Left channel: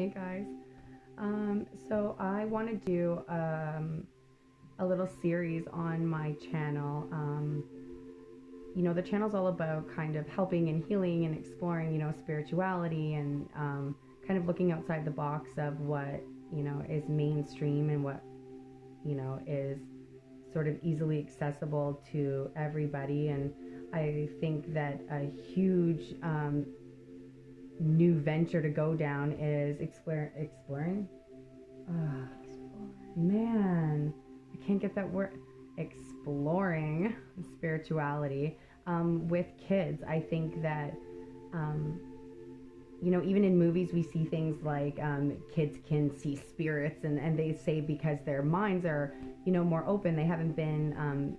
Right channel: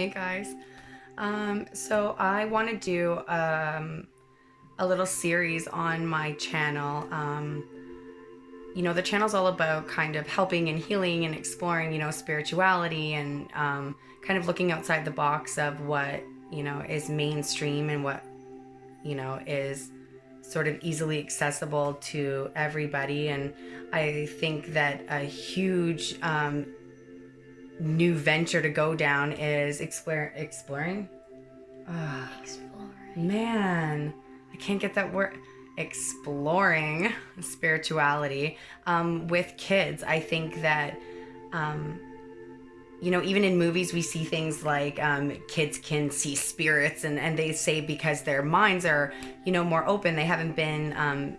Hey guys. So I want to do a little series on my channel. The channel's all about kind of helping and healing and exploring, spirituality and kind of looking outside the box of what, is mainstream and what, is sort of easily accessible to everybody. And I think that a huge new venture to go down is exploring. Man, I can't get that word. Exploring spirituality with kids. I think that, even in movies, we see things like kids can see spirits, and they say because their minds are, more open, they haven't been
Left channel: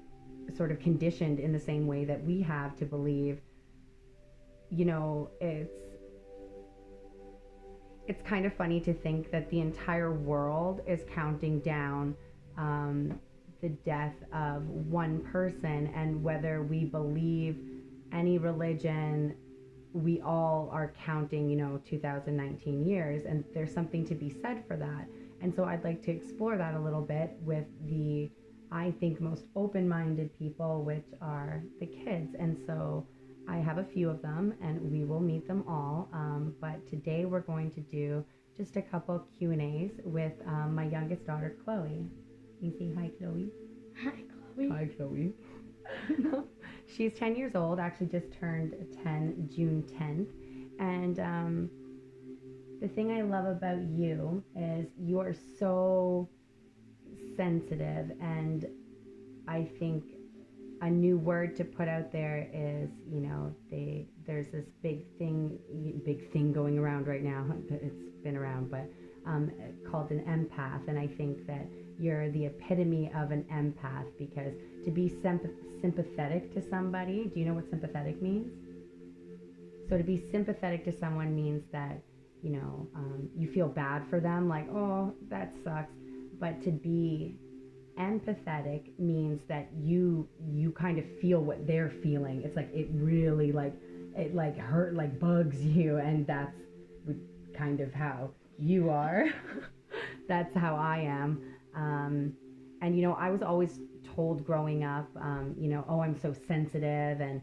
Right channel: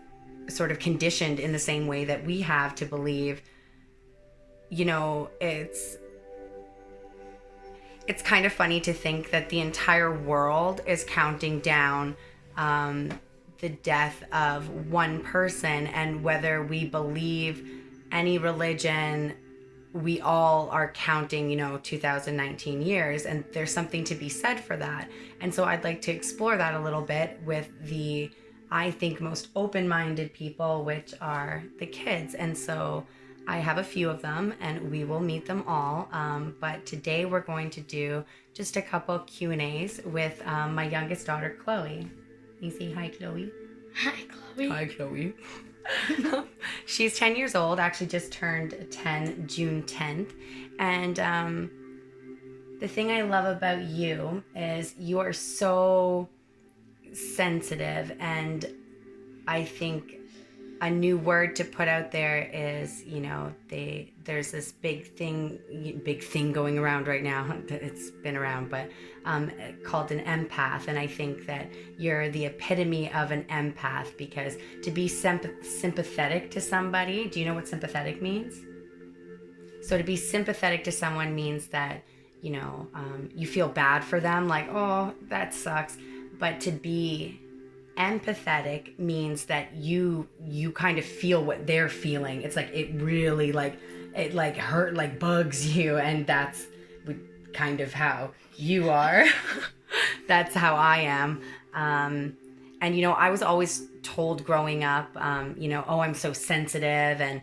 sort of conditioned in the same way that we have to believe. It's kind of funny to think that the entire world is counting down the death of one person, and whether we believe any religion, we all are counting 2019 years, and there's something to be said for that. And so I'd like to explore that a little bit with the, I think, most open-minded people, which are the kids. And so I have a few of them, and we will meet them all. But today we're going to do just a couple Q&As with my youngest daughter, Khloe. You say hi, Khloe. Hi, Khloe. Hi, Khloe. She's 10 years old, actually just turned 10 June 10th. And the thing I love about you is you are so sensitive, and I think a new word to put out there is, there's this big thing going around right now. It's been around, but called an empath. And I think that you're the epitome of an empath, because to be sympathetic to somebody, do you know what sympathetic means? So to be sympathetic to someone means that, you feel bad for them, like, oh, that sucks. But to be empathetic means that you kind of feel what they're feeling. It's like it really it hurt, like bugs you, and that's kind of how you are. That's how I am. And I was always told growing up, oh, I'm so sensitive, and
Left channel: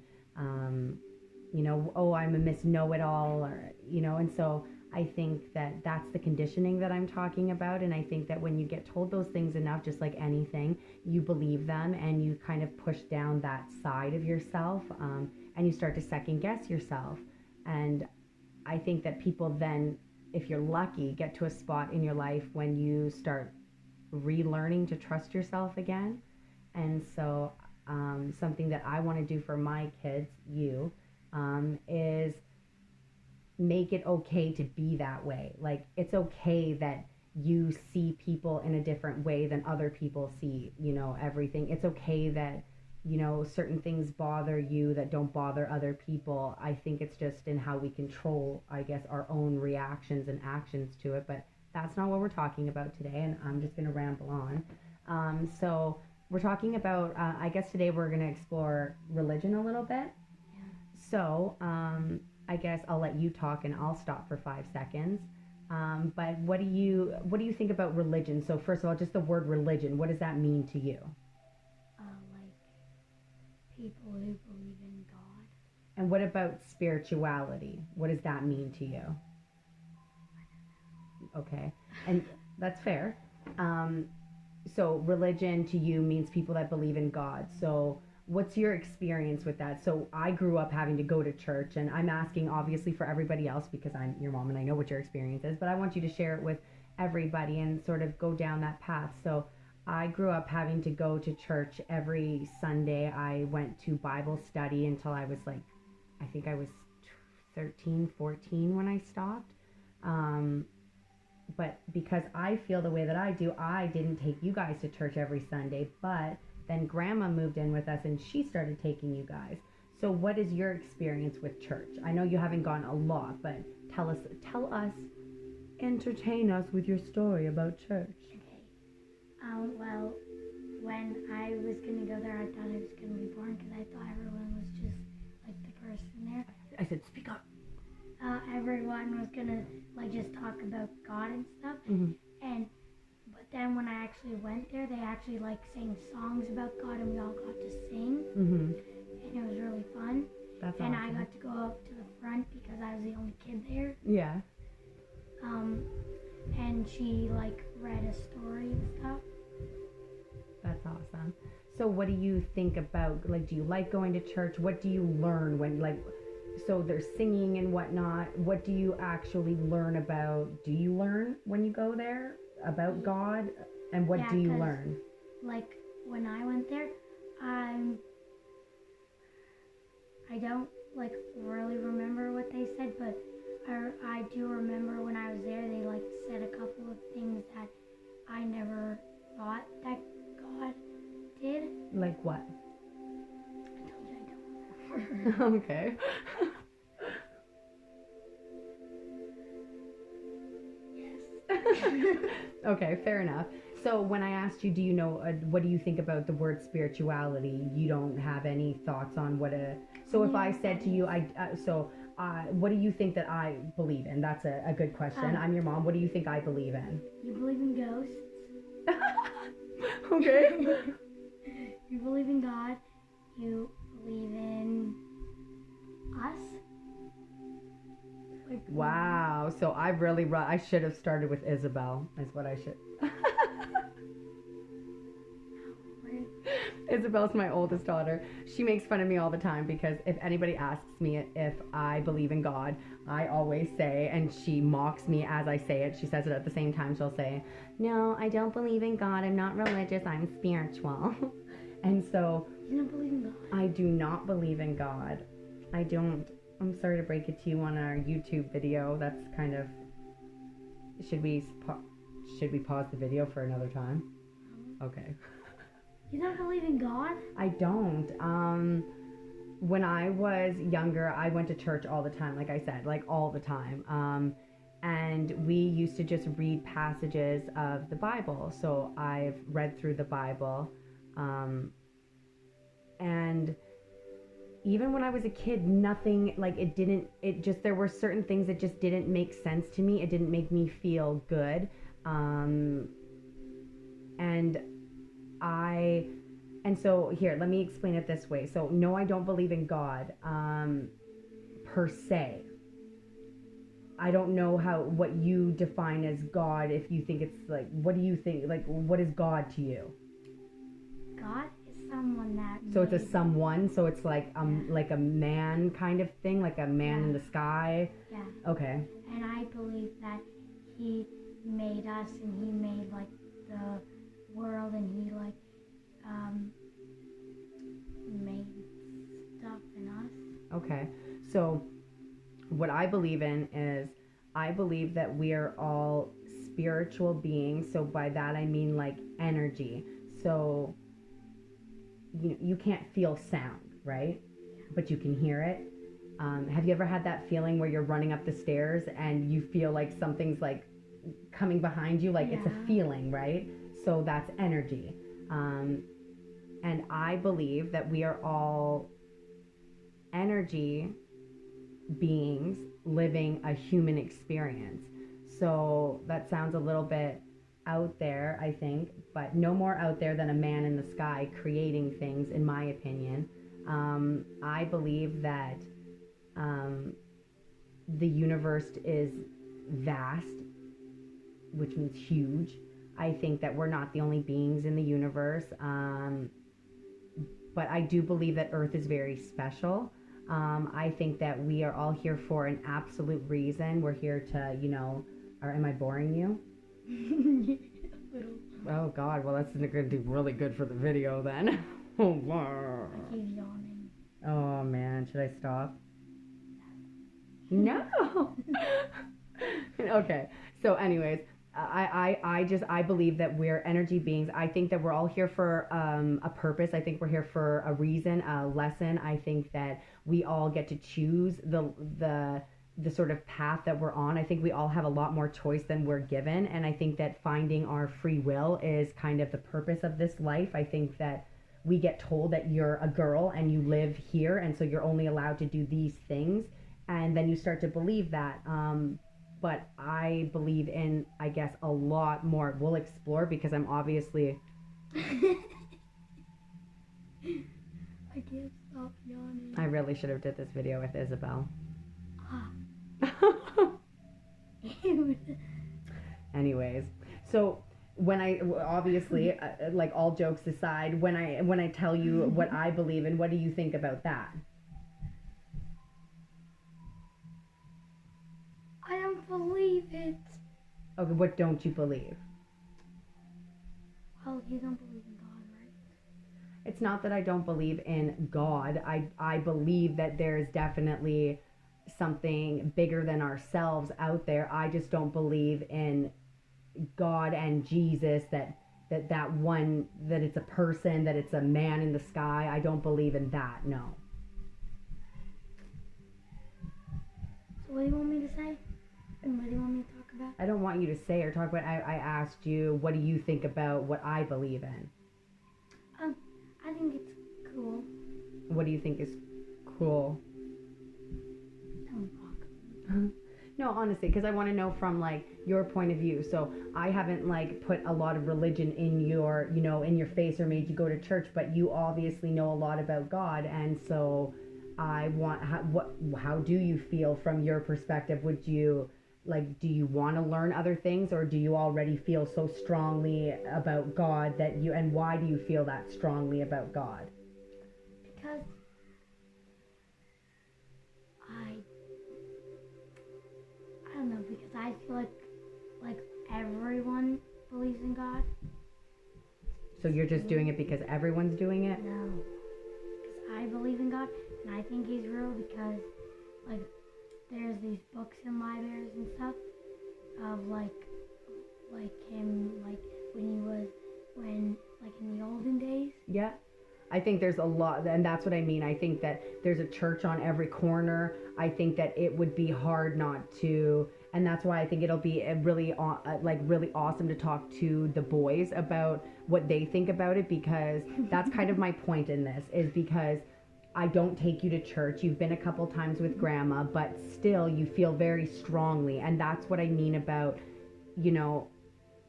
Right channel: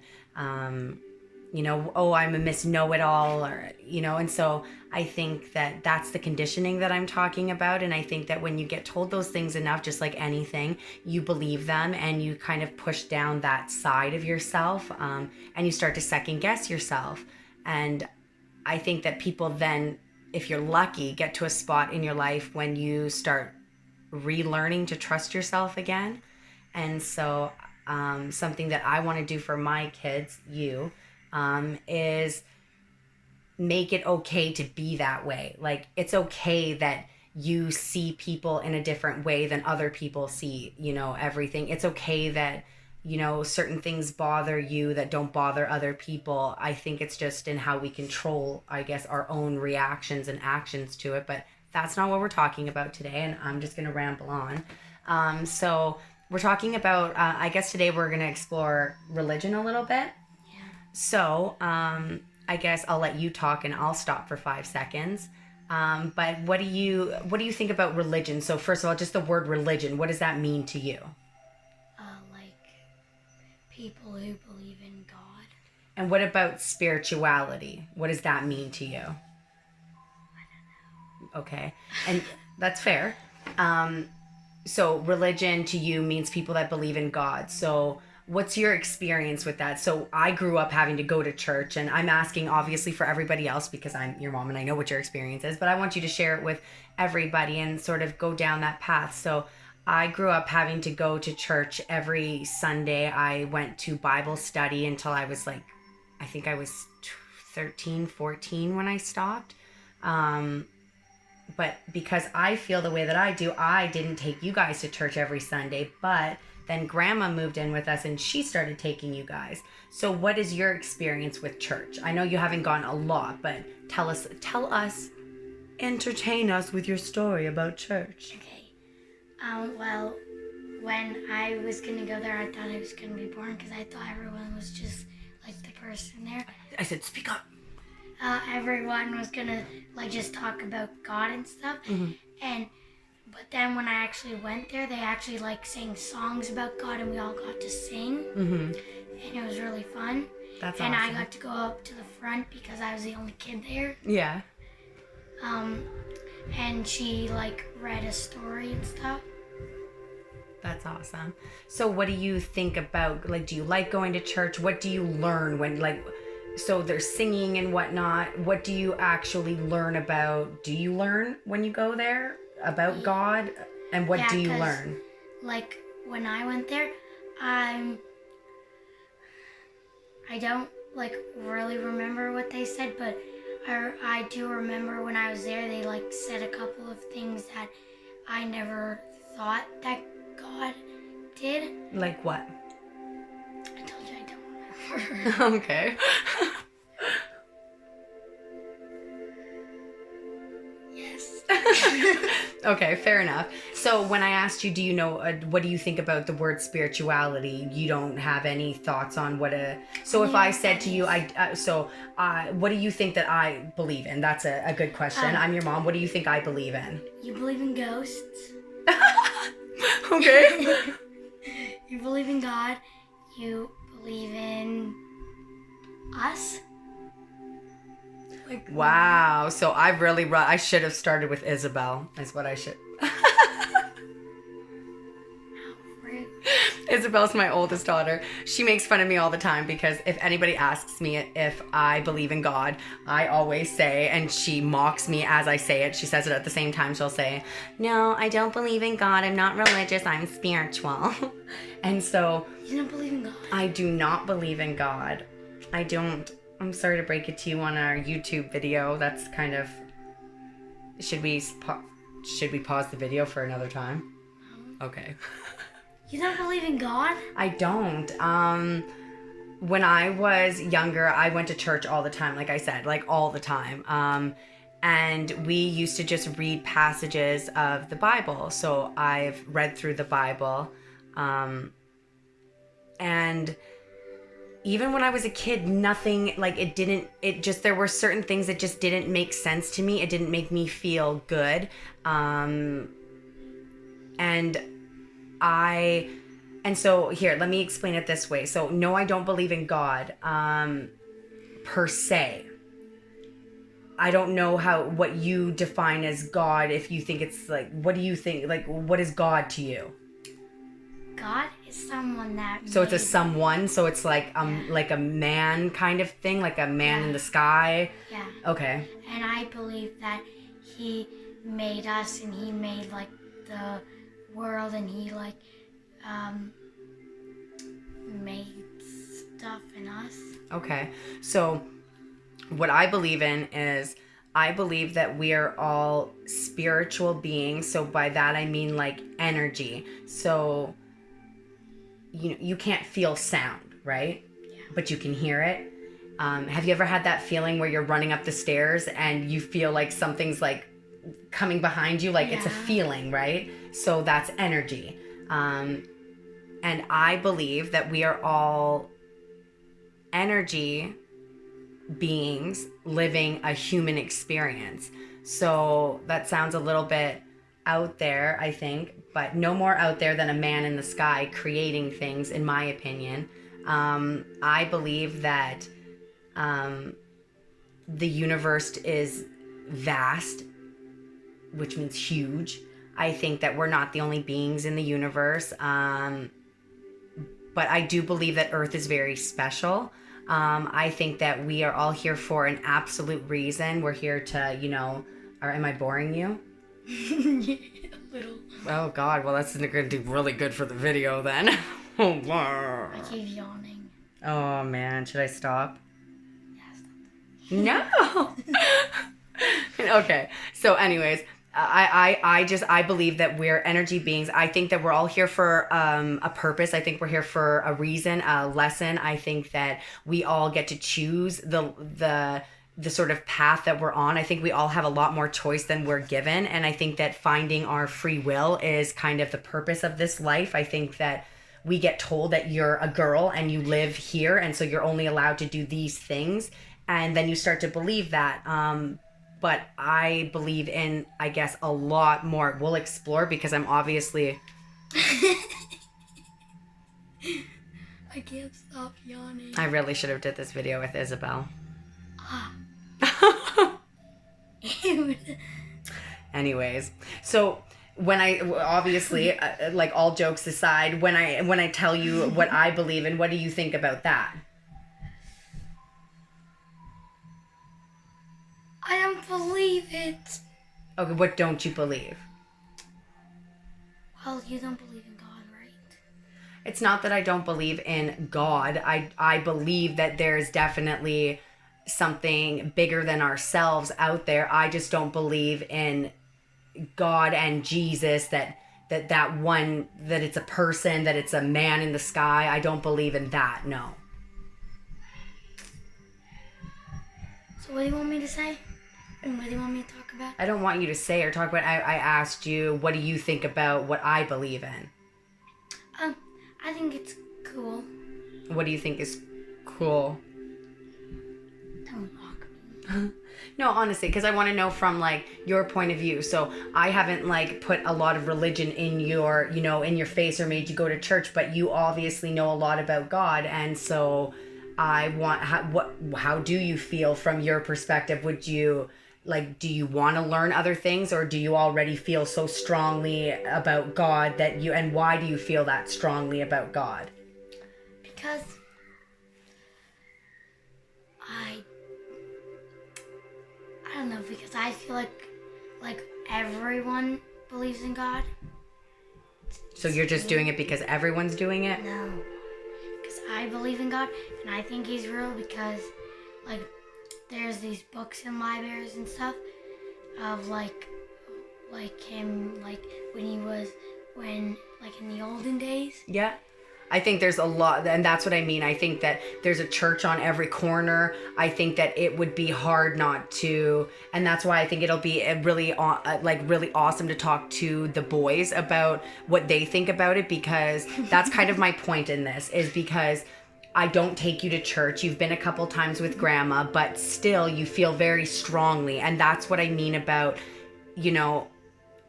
oh, I'm a Miss Know-It-All, or and so I think that that's the conditioning that I'm talking about. And I think that when you get told those things enough, just like anything, you believe them, and you kind of push down that side of yourself, and you start to second guess yourself. And I think that people then, if you're lucky, get to a spot in your life when you start relearning to trust yourself again. And so something that I want to do for my kids, is make it okay to be that way. Like, it's okay that you see people in a different way than other people see, everything. It's okay that, certain things bother you that don't bother other people. I think it's just in how we control, I guess, our own reactions and actions to it. But that's not what we're talking about today, and I'm just going to ramble on. So we're talking about, I guess today we're going to explore religion a little bit. Yeah. So, I guess I'll let you talk and I'll stop for 5 seconds. But what do you think about religion? So first of all, just the word religion, what does that mean to you? Like people who believe in God. And what about spirituality? What does that mean to you? I don't know. Okay. And that's fair. So religion to you means people that believe in God. So what's your experience with that? So I grew up having to go to church, and I'm asking obviously for everybody else because I'm your mom and I know what your experience is, but I want you to share it with everybody and sort of go down that path. So I grew up having to go to church every Sunday. I went to Bible study until I was I think I was 13, 14 when I stopped. But because I feel the way that I do, I didn't take you guys to church every Sunday, but then Grandma moved in with us and she started taking you guys. So what is your experience with church? I know you haven't gone a lot, but tell us, entertain us with your story about church. Okay. Well, when I was going to go there, I thought it was going to be boring because I thought everyone was just like the person there. I said, speak up. everyone was gonna like just talk about God and stuff, but then when I actually went there, they actually like sang songs about God, and we all got to sing, and it was really fun. That's and awesome. I got to go up to the front because I was the only kid there. Yeah. And she like read a story and stuff. That's awesome. So what do you think about, like, do you like going to church? What do you learn when, like, so there's singing and whatnot. What do you actually learn about? Do you learn when you go there about God? And what do you learn? Like, when I went there, I don't, like, really remember what they said, but I do remember when I was there, they, like, said a couple of things that I never thought that God did. Like what? I told you I don't remember. Okay. Yes. Okay, fair enough. So when I asked you, do you know, what do you think about the word spirituality? You don't have any thoughts on what a... So if I said to you, what do you think that I believe in? That's a good question. I'm your mom. What do you think I believe in? You believe in ghosts. Okay. You believe in God. You believe in us. Like, wow. So I should have started with Isabel, is what I should. Isabel's my oldest daughter. She makes fun of me all the time because if anybody asks me if I believe in God, I always say, and she mocks me as I say it. She says it at the same time. She'll say, "No, I don't believe in God. I'm not religious. I'm spiritual." And so... You don't believe in God? I do not believe in God. I don't. I'm sorry to break it to you on our YouTube video. That's kind of... Should we pause the video for another time? Okay. You don't believe in God? I don't. When I was younger, I went to church all the time, like I said, like all the time. And we used to just read passages of the Bible. So I've read through the Bible. And even when I was a kid, nothing, like there were certain things that just didn't make sense to me. It didn't make me feel good. And so here, let me explain it this way. So no, I don't believe in God, per se. I don't know what you define as God. If you think it's like, what do you think? Like, what is God to you? God is someone that... So it's a someone. So it's like, like a man kind of thing, like a man in the sky. Yeah. Okay. And I believe that he made us, and he made like the world, and he like made stuff in us. Okay. So what I believe in is, I believe that we are all spiritual beings. So by that I mean like energy. So you can't feel sound, right? Yeah. But you can hear it. Have you ever had that feeling where you're running up the stairs and you feel like something's like coming behind you? Like, it's a feeling, right? So that's energy. And I believe that we are all energy beings living a human experience. So that sounds a little bit out there, I think, but no more out there than a man in the sky creating things, in my opinion. I believe that the universe is vast, which means huge. I think that we're not the only beings in the universe. But I do believe that Earth is very special. I think that we are all here for an absolute reason. We're here to, am I boring you? Yeah, a little. Oh, God. Well, that's going to do really good for the video then. I keep yawning. Oh, man. Should I stop? Yeah, stop. No. Okay. So anyways, I believe that we're energy beings. I think that we're all here for a purpose. I think we're here for a reason, a lesson. I think that we all get to choose the sort of path that we're on. I think we all have a lot more choice than we're given. And I think that finding our free will is kind of the purpose of this life. I think that we get told that you're a girl and you live here, and so you're only allowed to do these things. and then you start to believe that. But I believe in, I guess, a lot more. We'll explore, because I'm obviously... I can't stop yawning. I really should have did this video with Isabel. Anyways, so when I obviously like, all jokes aside, when I tell you what I believe in, what do you think about that? I don't believe it. Okay, what don't you believe? Well, you don't believe in God, right? It's not that I don't believe in God. I believe that there's definitely something bigger than ourselves out there. I just don't believe in God and Jesus, that one, that it's a person, that it's a man in the sky. I don't believe in that, no. So what do you want me to say? And what do you want me to talk about? I don't want you to say or talk about. I asked you, what do you think about what I believe in? I think it's cool. What do you think is cool? Don't mock me. No, honestly, because I want to know from, like, your point of view. So I haven't, like, put a lot of religion in your, you know, in your face or made you go to church, but you obviously know a lot about God, and so I want, how do you feel from your perspective? Would you, like, do you want to learn other things, or do you already feel so strongly about God that you, and why do you feel that strongly about God? Because I don't know, because I feel like everyone believes in God. So you're just doing it because everyone's doing it? No, because I believe in God, and I think He's real, because, like, there's these books in libraries and stuff of like him, like, when in the olden days. Yeah. I think there's a lot, and that's what I mean. I think that there's a church on every corner. I think that it would be hard not to, and that's why I think it'll be really awesome to talk to the boys about what they think about it, because that's kind of my point in this, is because I don't take you to church. You've been a couple times with grandma, but still you feel very strongly, and that's what I mean about, you know,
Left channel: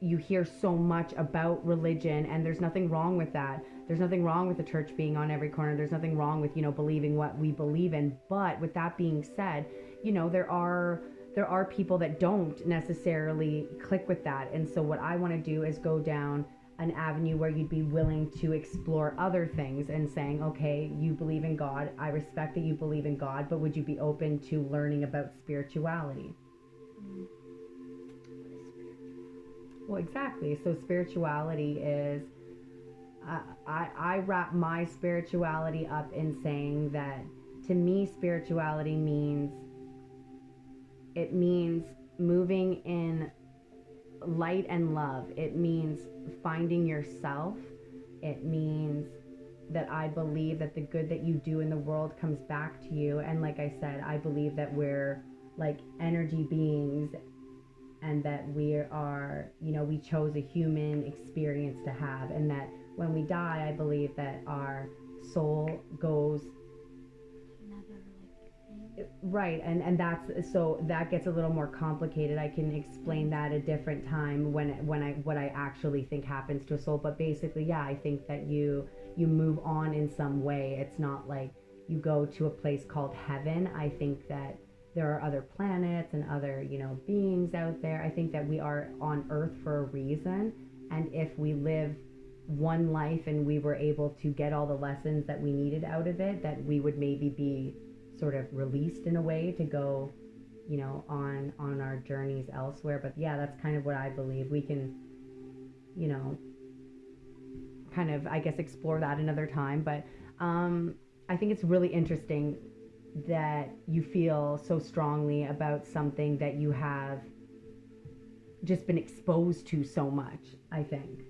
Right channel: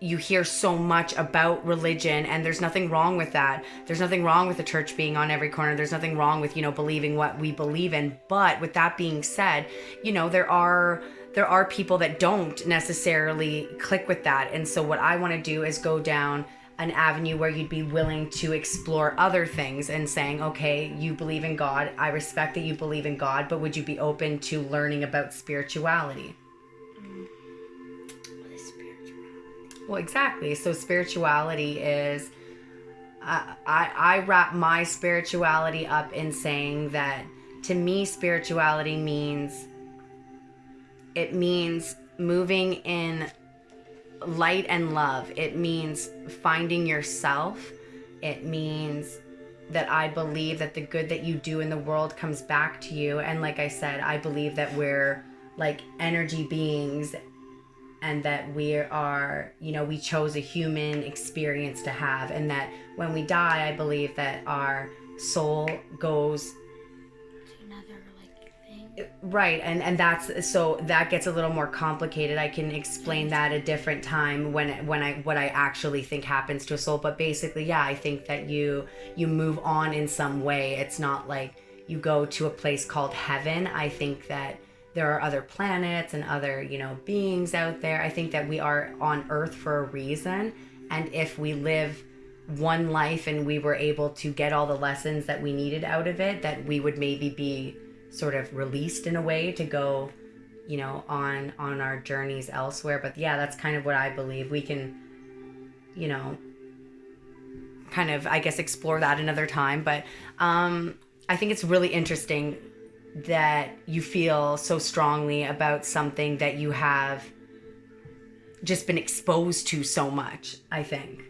you hear so much about religion, and there's nothing wrong with that. There's nothing wrong with the church being on every corner. There's nothing wrong with, you know, believing what we believe in. But with that being said, you know, there are people that don't necessarily click with that. And so what I want to do is go down an avenue where you'd be willing to explore other things, and saying, okay, you believe in God. I respect that you believe in God, but would you be open to learning about spirituality? Well, exactly. So spirituality is, I wrap my spirituality up in saying that, to me, spirituality means moving in light and love. It means finding yourself. It means that I believe that the good that you do in the world comes back to you. And like I said, I believe that we're like energy beings, and that we are, you know, we chose a human experience to have, and that when we die, I believe that our soul goes To another, like, thing. right, and that's, so that gets a little more complicated. I can explain that a different time when what I actually think happens to a soul. But basically, yeah, I think that you move on in some way. It's not like you go to a place called heaven. I think that there are other planets and other, you know, beings out there. I think that we are on Earth for a reason. And if we live one life and we were able to get all the lessons that we needed out of it, that we would maybe be sort of released in a way to go, you know, on our journeys elsewhere. But yeah, that's kind of what I believe. We can, you know, kind of, I guess, explore that another time. But I think it's really interesting that you feel so strongly about something that you have just been exposed to so much, I think.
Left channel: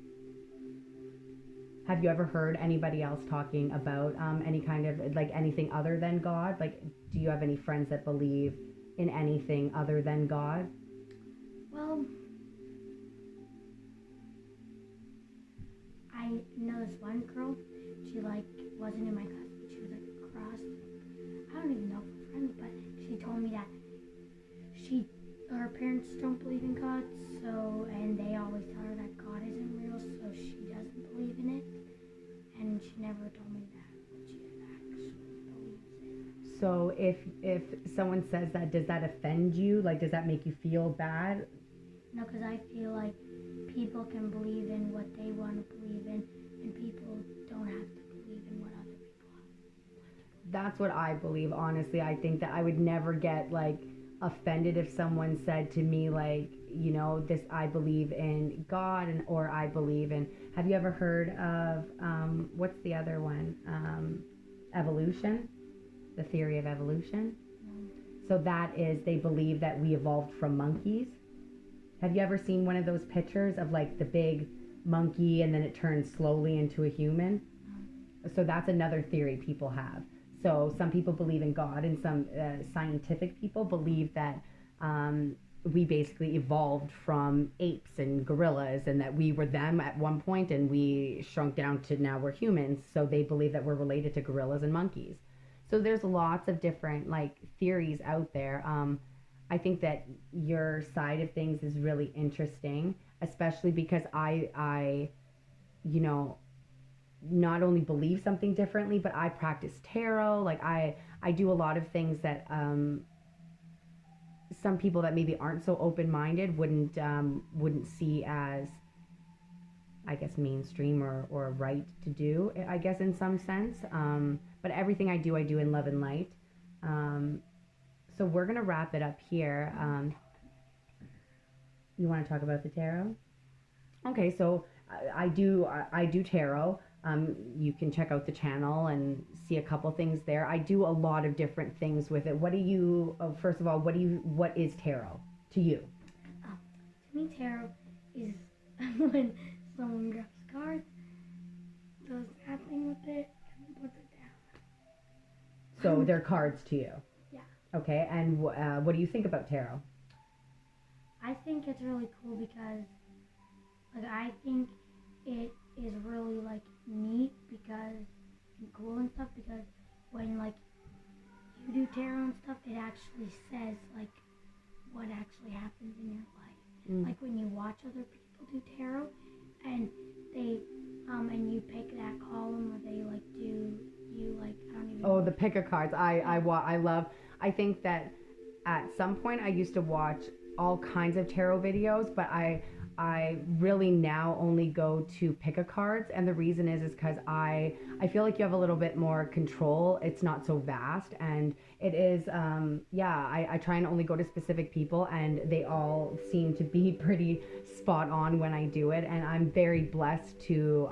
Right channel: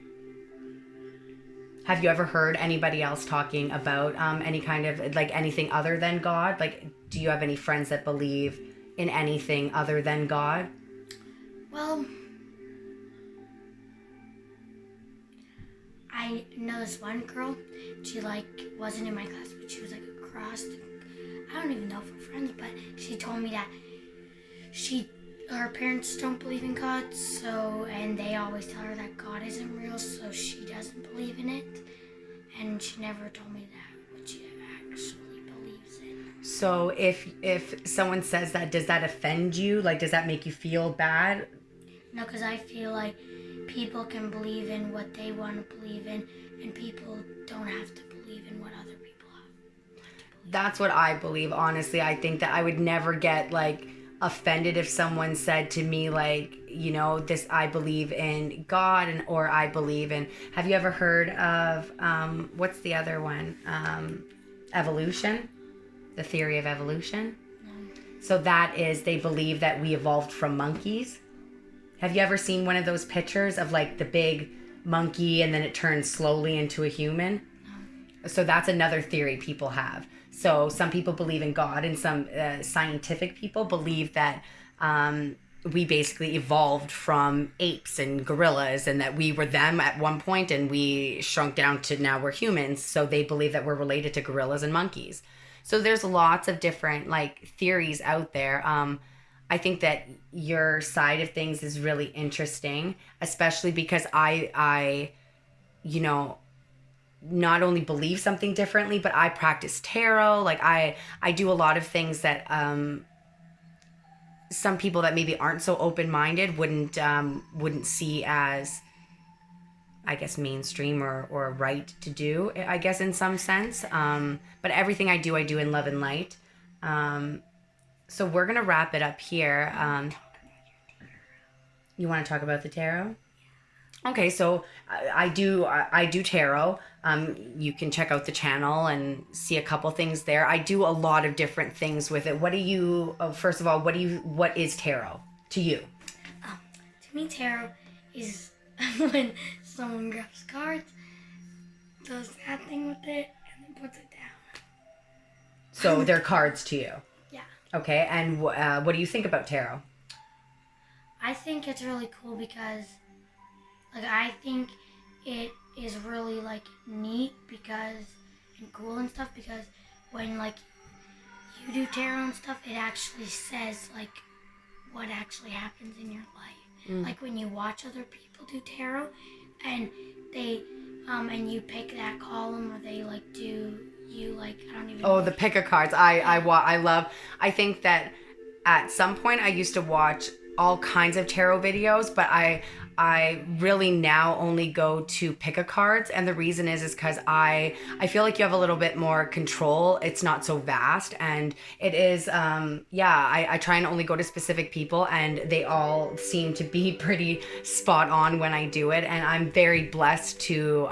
Have you ever heard anybody else talking about any kind of, like, anything other than God? Like, do you have any friends that believe in anything other than God? Well, I know this one girl. She, like, wasn't in my class, but she was, like, across the, I don't even know if we're friends, but she told me that her parents don't believe in God, and they always tell her that God isn't real, so she doesn't believe in it. And she never told me that, what she actually believes in. So if someone says that, does that offend you? Like, does that make you feel bad? No, because I feel like people can believe in what they want to believe in, and people don't have to believe in what other people have. That's what I believe, honestly. I think that I would never get, like, offended if someone said to me, like, you know, this, I believe in God, or I believe in, have you ever heard of what's the other one, evolution, the theory of evolution? No. So that is, they believe that we evolved from monkeys. Have you ever seen one of those pictures of, like, the big monkey and then it turns slowly into a human? No. So that's another theory people have. So some people believe in God, and some scientific people believe that we basically evolved from apes and gorillas, and that we were them at one point and we shrunk down to now we're humans. So they believe that we're related to gorillas and monkeys. So there's lots of different, like, theories out there. I think that your side of things is really interesting, especially because I you know, not only believe something differently, but I practice tarot. Like, I do a lot of things that some people that maybe aren't so open-minded wouldn't see as, I guess, mainstream or right to do, I guess, in some sense. But everything I do in love and light. So we're gonna wrap it up here. You want to talk about the tarot? Okay, so I do tarot. You can check out the channel and see a couple things there. I do a lot of different things with it. What do you? First of all, what is tarot to you? To me, tarot is when someone grabs cards, does that thing with it, and then puts it down. So they're cards to you. Yeah. Okay, and what do you think about tarot? I think it's really cool because, like, I think it is really, like, neat and cool and stuff, because when, like, you do tarot and stuff, it actually says, like, what actually happens in your life. Like, when you watch other people do tarot, and they, and you pick that column, or they, like, do, you, like, I don't even know. Oh, the pick a cards. I love. I think that at some point I used to watch all kinds of tarot videos, but I really now only go to pick a cards, and the reason is because I feel like you have a little bit more control. It's not so vast, and it is I try and only go to specific people, and they all seem to be pretty spot on when I do it, and I'm very blessed to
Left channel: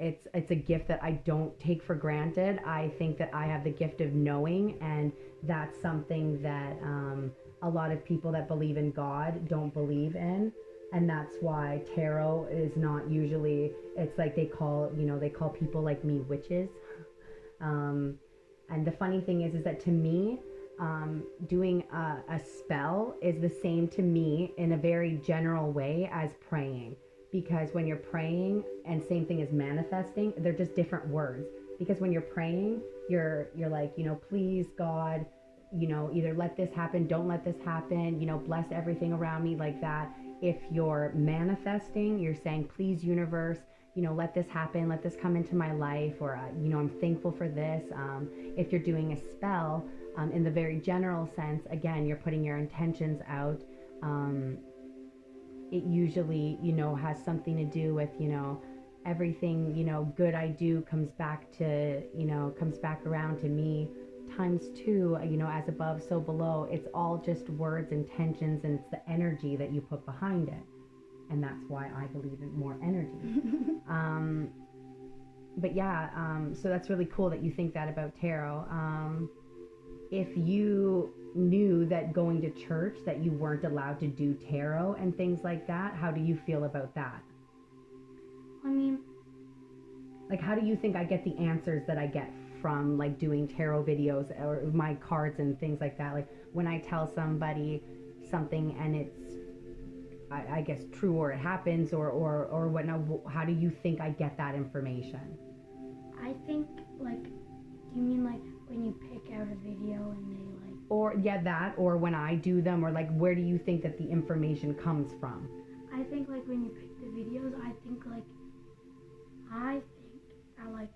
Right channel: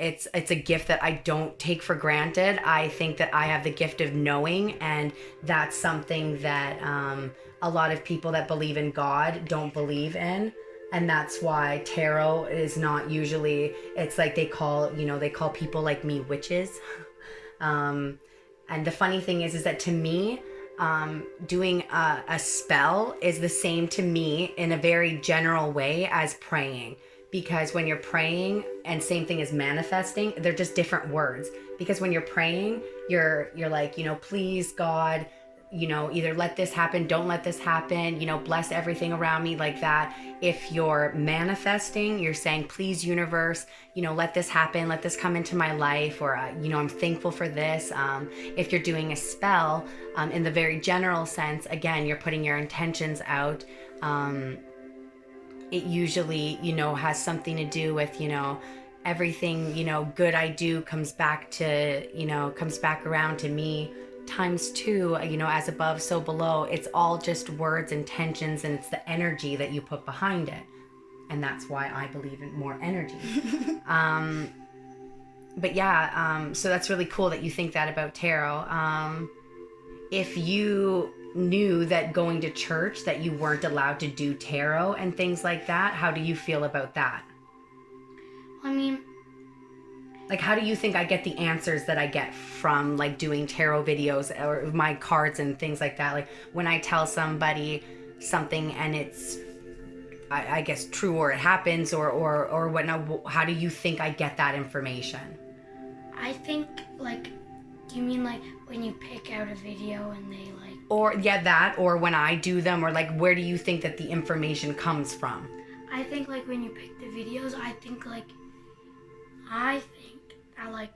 it's a gift that I don't take for granted. I think that I have the gift of knowing, and that's something that a lot of people that believe in God don't believe in. And that's why tarot is not usually, it's like they call people like me witches. And the funny thing is that to me, doing a spell is the same to me in a very general way as praying. Because when you're praying, and same thing as manifesting, they're just different words. Because when you're praying, you're like, please God, either let this happen, don't let this happen, bless everything around me, like that. If you're manifesting, you're saying, please universe, let this happen, let this come into my life, or, I'm thankful for this. If you're doing a spell, in the very general sense, again, you're putting your intentions out. It usually, has something to do with, everything, good I do comes back around to me times two, as above, so below. It's all just words, intentions, and it's the energy that you put behind it. And that's why I believe in more energy. But yeah, so that's really cool that you think that about tarot. If you knew that going to church that you weren't allowed to do tarot and things like that, how do you feel about that? I mean, like, how do you think I get the answers that I get from, like, doing tarot videos or my cards and things like that? Like, when I tell somebody something and it's, I guess, true, or it happens, or whatnot, how do you think I get that information? I think, like, Do you mean like when you pick out a video and they like... Or, yeah, that, or when I do them, or like, where do you think that the information comes from? I think like when you pick the videos, I think that like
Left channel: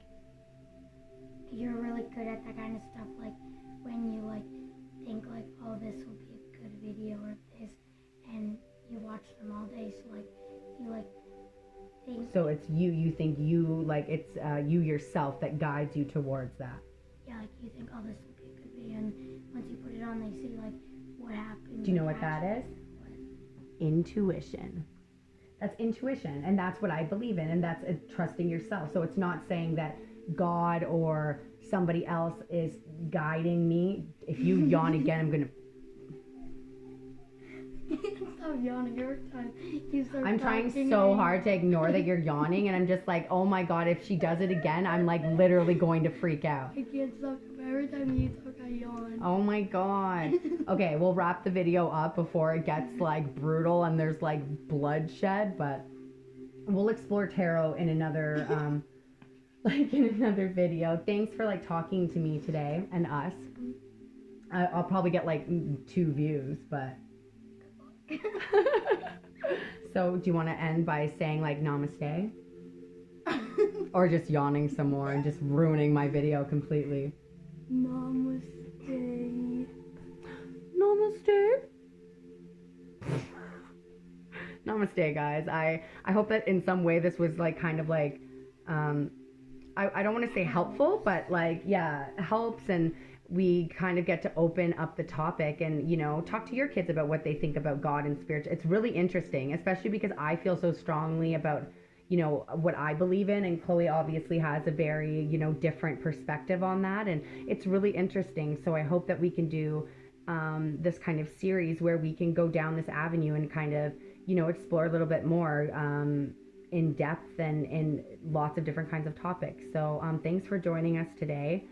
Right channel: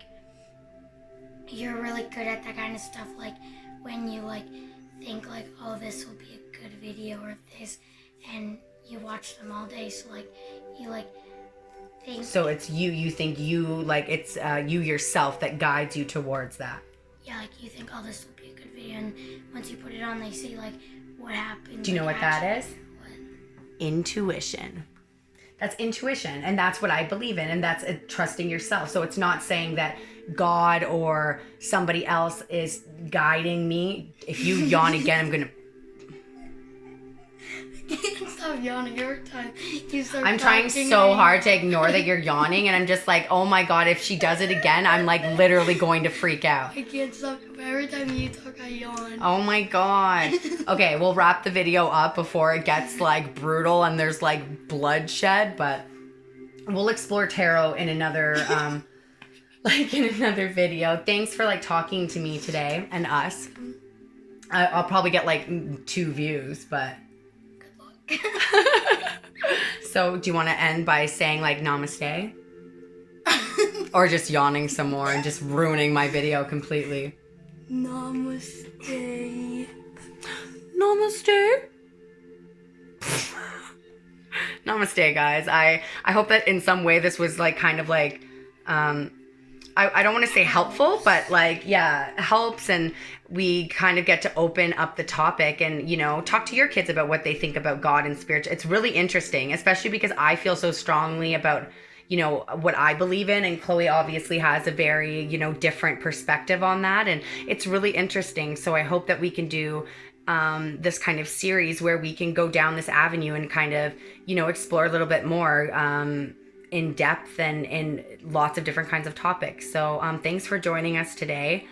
you're really good at that kind of stuff. Like when you like think like, oh, this will be a good video or this, and you watch them all day. So like you like think. So it's you think you like it's you yourself that guides you towards that. Yeah, like you think, oh, this will be a good video, and once you put it on, they see like what happened. Do you know like, what that is? What? Intuition. That's intuition, and that's what I believe in, and that's trusting yourself. So it's not saying that God or somebody else is guiding me. If you yawn again, I'm gonna... I can't stop yawning every time you start I'm trying so hard to ignore that you're yawning, and I'm just like, oh my God, if she does it again, I'm like literally going to freak out. I can't stop. Every time you talk, I yawn. Oh my God. Okay, we'll wrap the video up before it gets like brutal and there's like bloodshed, but we'll explore tarot in another another video. Thanks for like talking to me today and us. I'll probably get like 2 views, but Good luck. So do you want to end by saying like namaste? Or just yawning some more and just ruining my video completely? Namaste. Namaste. Namaste, guys. I hope that in some way this was like kind of like I don't want to say helpful, but like, yeah, helps, and we kind of get to open up the topic and, you know, talk to your kids about what they think about God and spiritual. It's really interesting, especially because I feel so strongly about, you know, what I believe in, and Khloe obviously has a very, you know, different perspective on that, and it's really interesting. So I hope that we can do this kind of series where we can go down this avenue and kind of, you know, explore a little bit more in depth and in lots of different kinds of topics. So thanks for joining us today.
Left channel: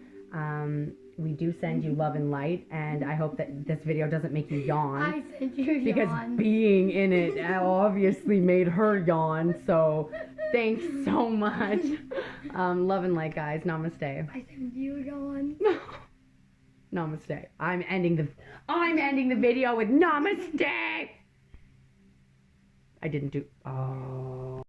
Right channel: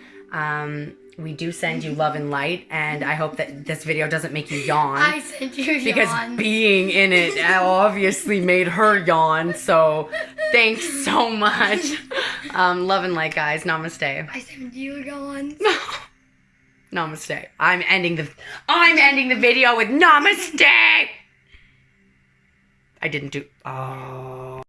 We do send you love and light, and I hope that this video doesn't make you yawn. I sent you yawn. Because being in it obviously made her yawn. So thanks so much. Love and light, guys. Namaste. I sent you yawn. Namaste. I'm ending the video with namaste. I didn't do... Oh.